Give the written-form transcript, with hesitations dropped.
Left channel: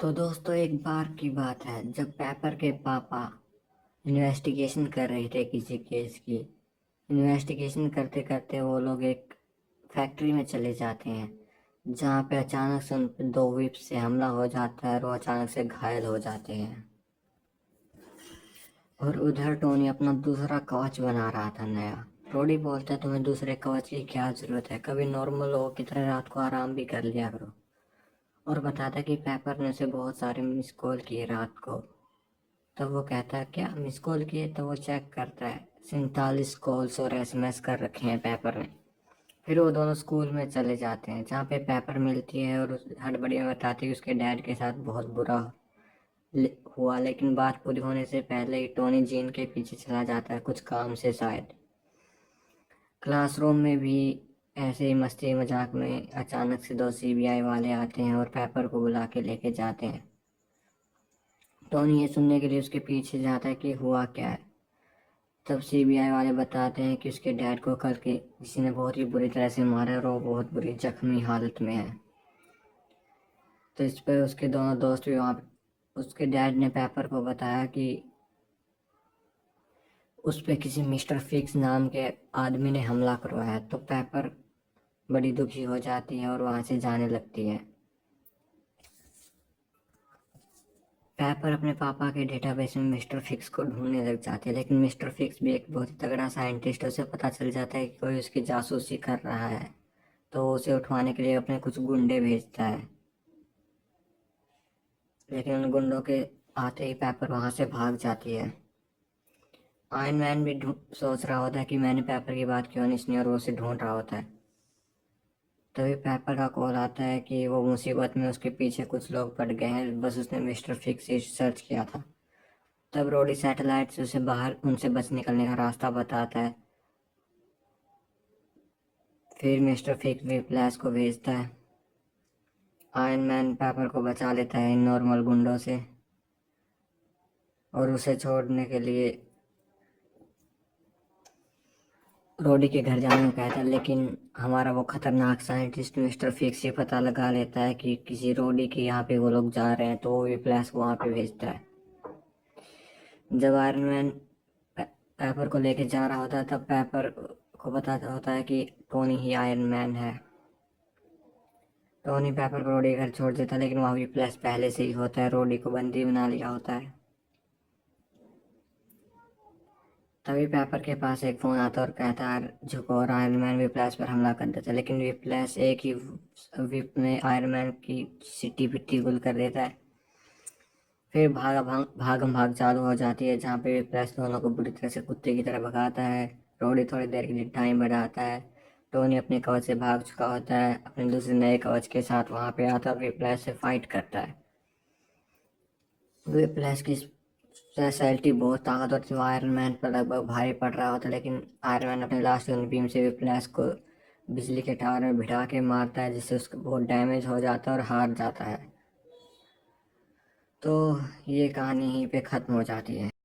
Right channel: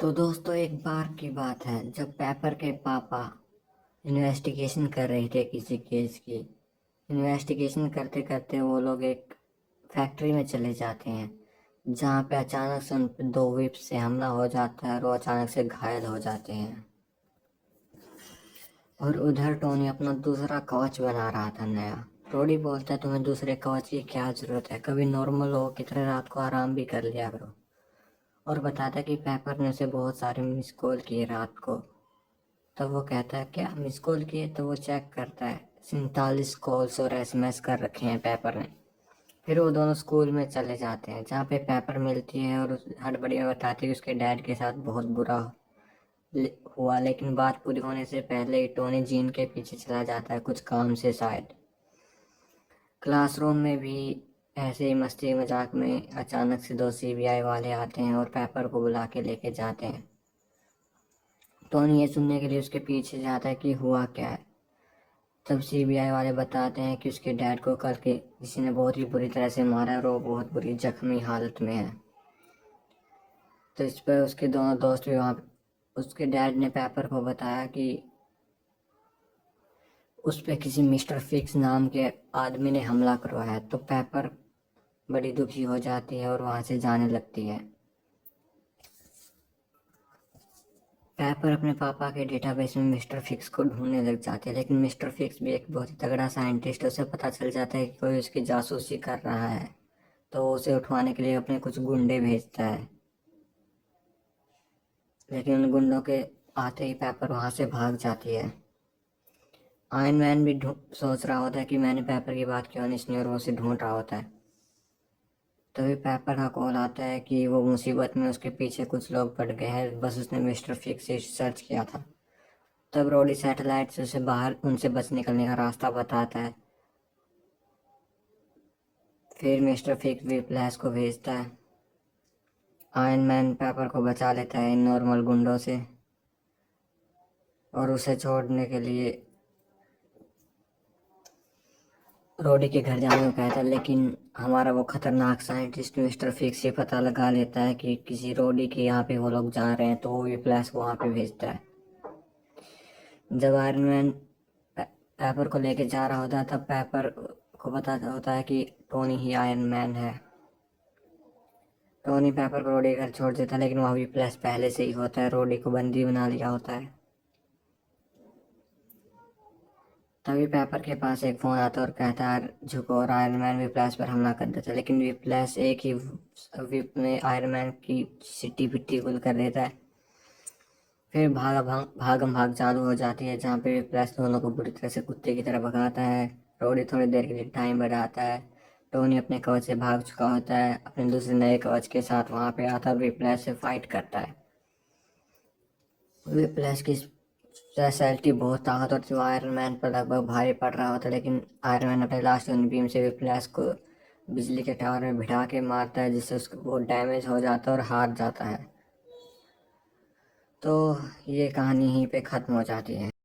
तो दोस्तों, एक बार की बात है जब पेपर के पापा इन्वेस्टिगेशन कर रहे थे किसी केस की। इन्वेस्टिगेशन करते करते वो लोग एक फैक्ट्री में चले जाते हैं, जहाँ पे अचानक से उन पे दो विप से हमला हो जाता है और वो अचानक से घायल हो जाते हैं। और उधर टोनी अपना दूसरा कवच बना रहा था नया। रोडी बोलता है, तुम्हें दूसरे कवच की क्या जरूरत है, कभी नॉर्मल लोगों की तरह रात को आराम भी कर लिया करो। और बताता कि पेपर ने उसे बहुत सारे मिस कॉल किए रात को। तब वो कहता है, क्या मिस कॉल किए? तो वो चेक करता है, 47 कॉल्स और एसएमएस कर रखे हैं पेपर में। फिर वो दोनों स्कूल में चले जाते हैं, जहाँ पे पेपर मिलती है और उस हड़बड़ी में बताती है कि उसके डैड के साथ बहुत बुरा हुआ। लेकिन बात पूरी होने से पहले ही टोनी जीन के पीछे चला जाता है, कुछ काम से शायद। क्लासरूम में भी ऐसे ही मस्ती मजाक में अचानक से दो सीबीआई वाले आते हैं और पेपर को बुला के लेके जाते हैं। टोनी ये सुनने के लिए उसके पीछे जाता है कि हुआ क्या है। तब सीबीआई वाले बताते हैं कि उसके डैड को कल के किसी ने बहुत ही बुरी तरह से मारा और वो बहुत बुरी जख्मी हालत में है। तो इस पर उसके दोनों दोस्त भी वहाँ, उसके डैड ने पेपर को बताया कि उस पर किसी मिस्टर फिक्स नाम के आदमी ने हमला करवाया। तो पेपर बड़ी दुखी हो जाती है और वहाँ से जाने लगती है। पेपर अपने पापा के डेटाबेस में मिस्टर फिक्स को ढूंढने लग जाते हैं, लेकिन मिस्टर फिक्स भी एक बहुत ही तगड़ा साइंटिस्ट है। उसे पता चल जाता है कि कोई उसकी जासूसी कर रहा है, तो उसे उठवाने के लिए अपने कुछ गुंडे भेजता है। लेकिन उन गुंडों के आते ही पेपर वहां से भाग जाती है। आयरन मैन भी सोच रहा होता है कि मैंने पेपर की बात क्यों नहीं सुनी, और वो उसे ढूंढ रहा होता है। तभी पेपर का कॉल आता है कि वो मुसीबत में उसके पीछे कुछ लोग पड़ गए हैं, बस उसने मिस्टर फिक्स से सर्च किया था। तब रोडी सैटेलाइट से उसे बाहर उनसे बच निकलने का रास्ता बताता है। फिर मिस्टर फिक्स भी फ्लैश को भेजता है। आयरन मैन पेपर को बचा लेता है इन नॉर्मल गुंडों से और उसे छोड़ने के लिए रोडी के घर जाने को कहता है। लेकिन हमारा वो खतरनाक साइंटिस्ट मिस्टर फिक्स ये पता लगा लेता है कि किसी रोडी के यहाँ पे वो लोग जा रहे हैं, तो वो भी फ्लैश को वहाँ पे भेजता है। जब आयरन मैन पेपर को लेके जा रहा होता है, तब पेपर को पता होता है कि टोनी ही आयरन मैन है। टोनी पेपर को रोडी घर छोड़ देता है, लेकिन वहाँ भी फ्लैश पहले से ही होता है, रोडी को बंदी बना लिया होता है। तभी पेपर के पास एक फोन आता है और कहता है झुको, और आयरन मैन विप्लैश पर हमला कर देता है। लेकिन विप्लैश एक ही विप में आयरन मैन की सिट्टी पिट्टी गुल कर देता है। फिर भागम भाग चालू हो जाती है, जहाँ पे विप्लैश दोनों को बुरी तरह से कुत्ते की तरह भगाता है। रोडी थोड़ी देर के लिए टाइम बढ़ाता है। टोनी अपने कवच से भाग चुका होता है, अपने दूसरे नए कवच के साथ वहाँ पे आता है और विप्लैश से फाइट करता है। विप्लैश की स्पेशलिटी बहुत ताकतवर थी, वो आयरन मैन पर लगभग भारी पड़ रहा होता, लेकिन आयरन मैन अपने लास्ट बीम से विप्लैश को बिजली के टावर में भिड़ा के मारता है, जिससे उसको बहुत डैमेज हो जाता है और हार जाता है। तो ये कहानी यहीं पे ख़त्म हो जाती है।